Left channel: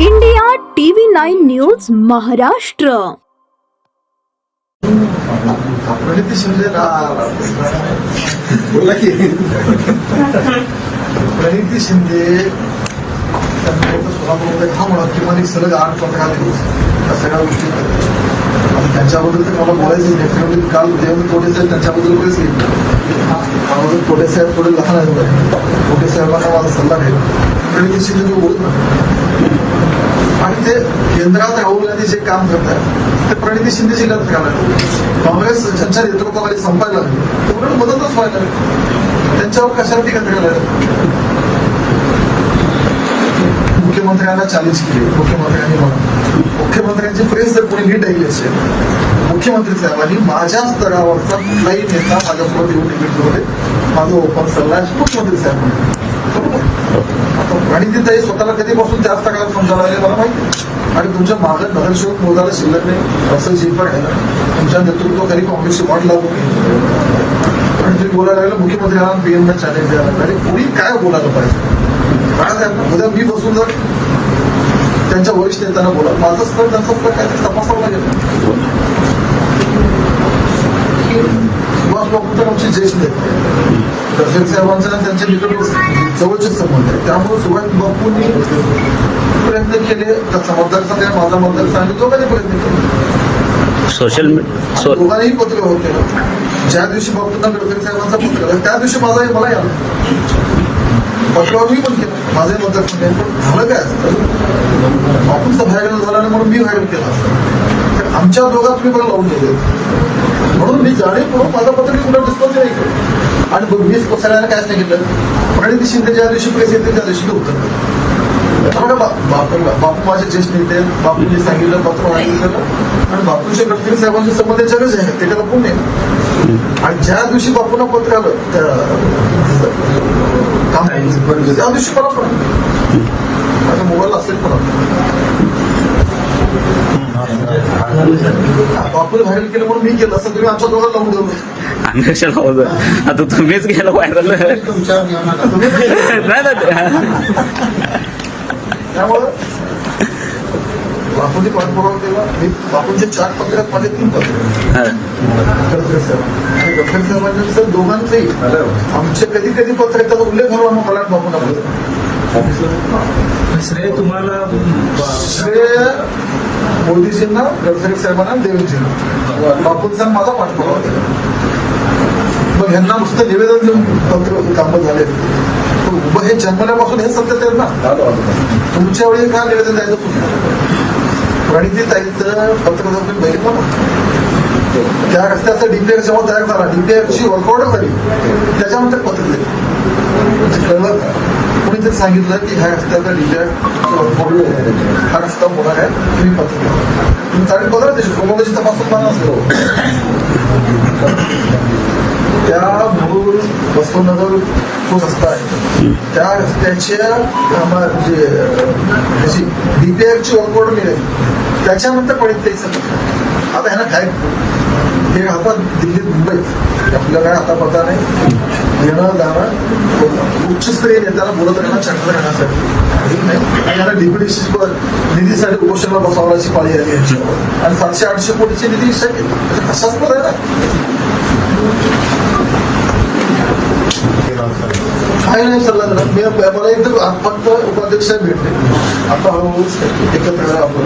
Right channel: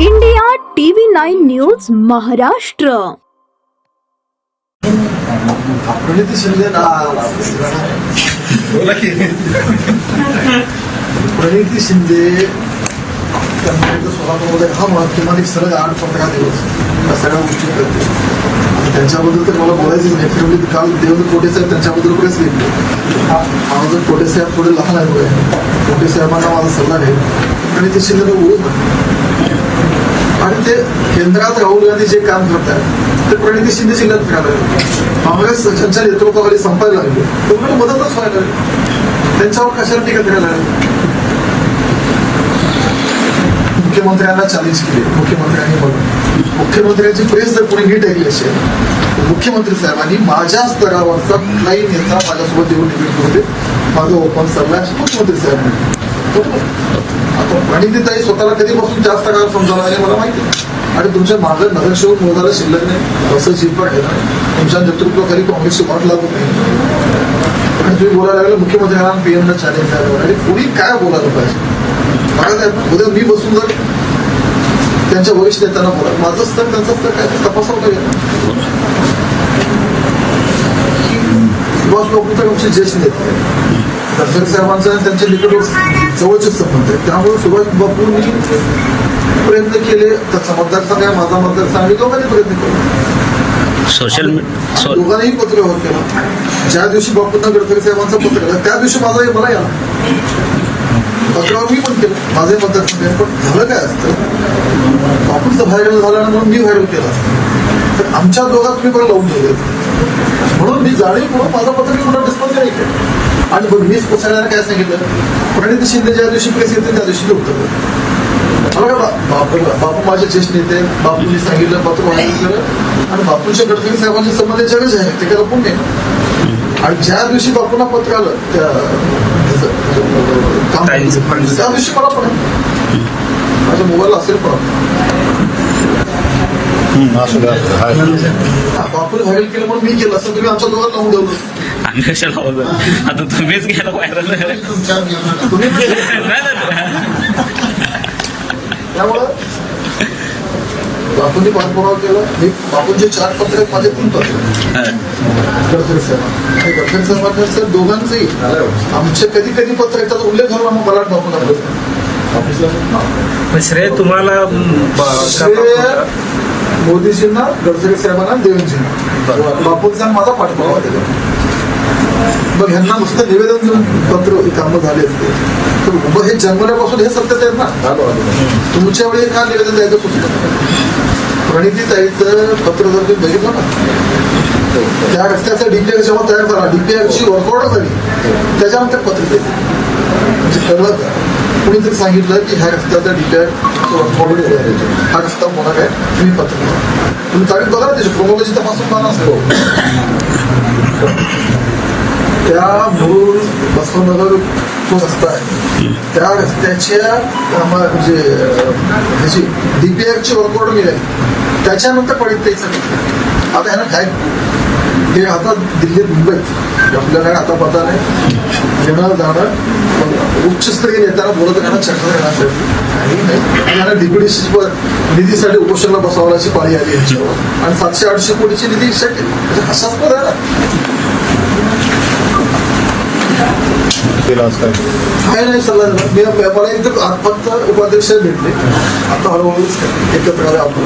India TV 9 news Maharashtra. Praniti Shinde Praniti Shinde त्यांना सोलापूरमध्ये हा म्हणत किमान एक सलग 8 पंधरा दिवस या सगळ्या गोष्टी करते. आता त्यांच्याबद्दल ते मला बोलायचं नाही. काल देवेंद्र कोटे साहेब त्यांच्याबद्दल प्रेस घेतली. मला जर कोटे साहेब थोडे लहान आहे कोटे साहेबांना माझा सल्ला आहे प्रणिती शिंदे बोलत नाही आणि ते केंद्रात राहुल गांधी जे काम करतात ते प्रणिती शिंदे जिल्ह्यात फिरायला लागले. काँग्रेस ज्यांच्या नेतृत्वाखाली संपायला लागली तेवढं मदतच व्हायला लागली. त्यांच्यावर कशाला टीका करायला लागली. मुख्यमंत्र्यांना चॅलेंज केली. मुख्यमंत्र्यांनी बघा मुख्यमंत्र्यांची प्रेस जर कोणी नीट ऐकली असेल मुख्यमंत्री साहेबांनी माझ्या स्तरावरचा कुठलाही नेता माझ्यासोबत येऊन निवडणुकीमध्ये माझा ओपन सरला असे मुख्यमंत्री साहेब म्हणले. आता प्रणितीताई स्वतःला कधीपासून जास्त काळ समजायला लागले मला माहिती. आणि तुमच्या मागं नगरसेवक मोजायला शिल्लक नाही असं जिंकण आहे. तुमच्या नेतृत्वाखाली काँग्रेसची वाट लागू नाही आणि तुम्ही बोलायला लागलं मुख्यमंत्र्यांना पीएमला चॅलेंज द्यायला आणि कोणी काय बोलायला पाहिजे. उद्या मी बसून जर त्यांच्या वरिष्ठ नेत्यांना बोला माझं स्तर त्यांचं स्तर काय तपासावं लागेल. सुभाष बाबूंचा आमचे ज्येष्ठ नेते आहेत. दर्शक साहेबांचा त्यांच्या निकट जवळचे संबंध आहेत. त्यामुळे सुभाष बाबूंनी प्रयत्न केले. त्याचा मतदारसंघ आहे माझा मतदारसंघ आम्ही दोघांनी प्रयत्न केले. सोशल दोघांनाही पत्र व्यवहार केला. ज्या दिवशी बापूंना गडकरी साहेबांचा पत्र केला त्या दिवशी मला याला पत्रावर मी पण केलं माझे मतदारसंघ आहे. पण झालं काय असतं बापूंचं व्हायरल झालं म्हणून मी व्हायरल केलं असतं तर आमच्या दोघात तुम्ही पण लावून ठेवले म्हणून मी जाणीवपूर्वक माझा पत्र मी कुठं डिस्पोज नाही केलं. आणि मी सगळ्यांना काय सांगितलं प्रणिती शिंदे ज्या दिवशी प्रेस येते त्या दिवशी उत्तर बापू माझे ज्येष्ठ नेते बापूंनी सांगितलं पत्र व्हायरल केलं आणि बापूंच्या गडकरी साहेबांचे संबंध जगच आहे ते काय लपून नाही. आणि ज्या दिवशी बापूंना पत्र आलं त्या दिवशी मला पण माझ्या मोबाईल असेल पण बापूला व्हायरल केलं म्हणून मी केलं असं तुम्ही आमच्या दोघांना लावून ठेवलं. आम्ही कशाला होतं आता तुम्हीच गेला व्हायरल त्यामुळं बापूंनी पाठपुरावा केला. मी बापूंचे 4 पत्र आहेत माझे 3 पत्र गडकरी साहेब आणि गडकरी साहेबांनी सर दोघांचंही आमचे कधी कधी पत्र आहेत त्याचा उल्लेख करून आम्ही मला बापूंना बोलतो. श्रेय तुम्हाला श्रेय मोदीजींना गडकरी साहेबांना देवेंजींना बापूंचा माझा पाठपुरावा दिला. मग ह्यांना नुसतं निवेदन देऊन पत्र कामं झाले असते मग हे जन्मल्यापासून हे सत्य आहेत ना. तुमच्या वेळी का निवेदन द्यायचं सुचलं प्रणितीताईचं पत्र जर तुम्ही बघितलं ना त्या रस्त्याचा डीपीआर जेव्हा तयार झाला डीपीआरची वर्कआउट झाली त्याच्यानंतर पत्र दिले म्हणजे कळलं का कुणीतरी सांगितलं की ह्या रस्त्याचा डीपीआर वर्कआउट हा रस्ता होणार आहे तुम्ही पत्र दिलं. तुम्ही तारीख बघा ना त्याची क्रोमॉलॉजी तपासून पाहणार असेल. त्या मूळ बसवनगर तो रस्ता आहे त्या रस्त्याच्या म्हणजे ह्याची डीपीआरची वर्कआउट मिळाली त्याच्यानंतर प्रणितीताईचं आता ह्याला काय हे आता दिल्लीत मुंबईत आपल्याला आता पता नाही येणं जाणं उच्चस्तरीय नेत्यांना बोलत राहणं चर्चा करण्यासाठी काही नाही. आणि यांना डीपीडीसी निधीसाठी उपोषणाला बसवण्याची पाळी आली यांच्यावर आणि 700-800 कोटीची निधी शक्य म्हणजे असाच पद आहे ना. नाही सल्ला दिला मला एकदम फक्त उपाध्यक्ष भेटले आता हळूहळू एकत्र आपण